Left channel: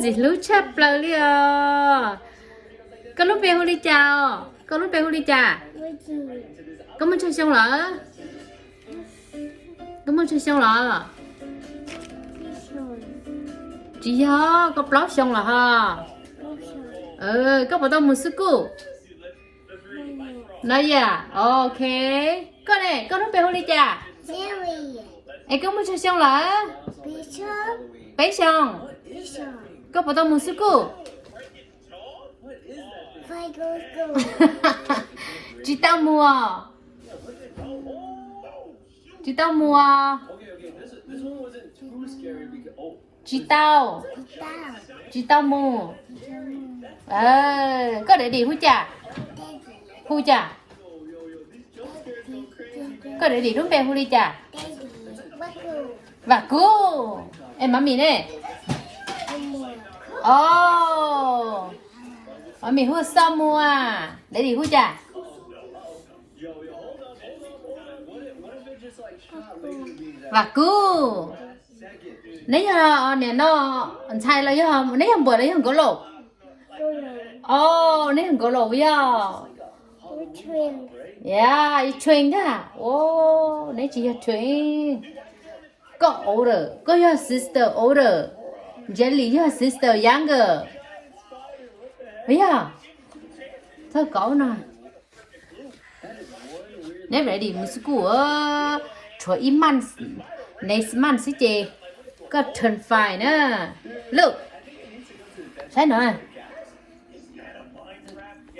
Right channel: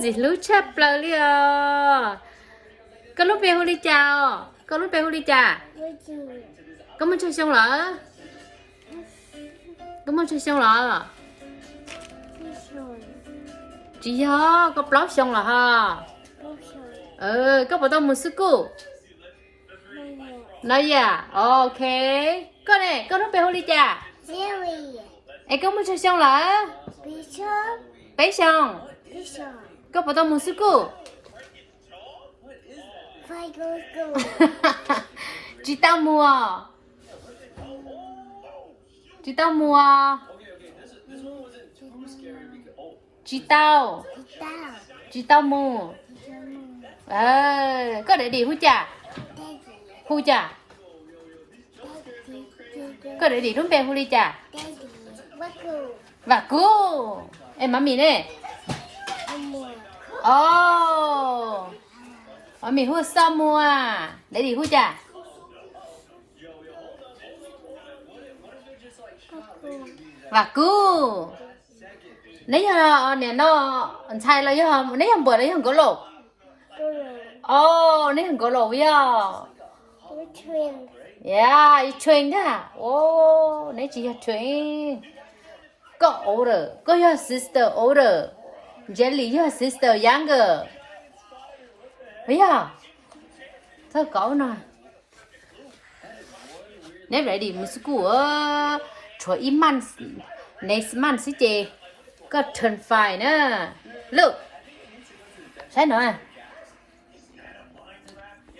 gì lú chắp lờ li có lúc bé hôn đi chào có lúc bé hôn đi chà có muốn chơi xong lỡ có muốn chơi xong lỡ chị hả có blog xong là ha có bảo tao muốn sức cụ nói à ok có này có lúc bé hôn đi chà em có muốn chơi xong lỡ bé xong có bảo tao muốn sức cụ chị tao mua chị tao mua chị tao mua có để đi hú chà có để đi đúng bè hú đi chà và cô em mami nè mami hú sao mua để đi hú chà và cô lấy hả nè nó sai là hả lấy hầm bữa lấy hầm gỗ lỗ lấy hầm gỗ lỗ vậy yeah train đó lấy chị train có older có your sister older Jelly your sister younger vậy thôi cậu nè nếu lại đi một school cho month next month sẽ chị có turn fine nè look thấy nữa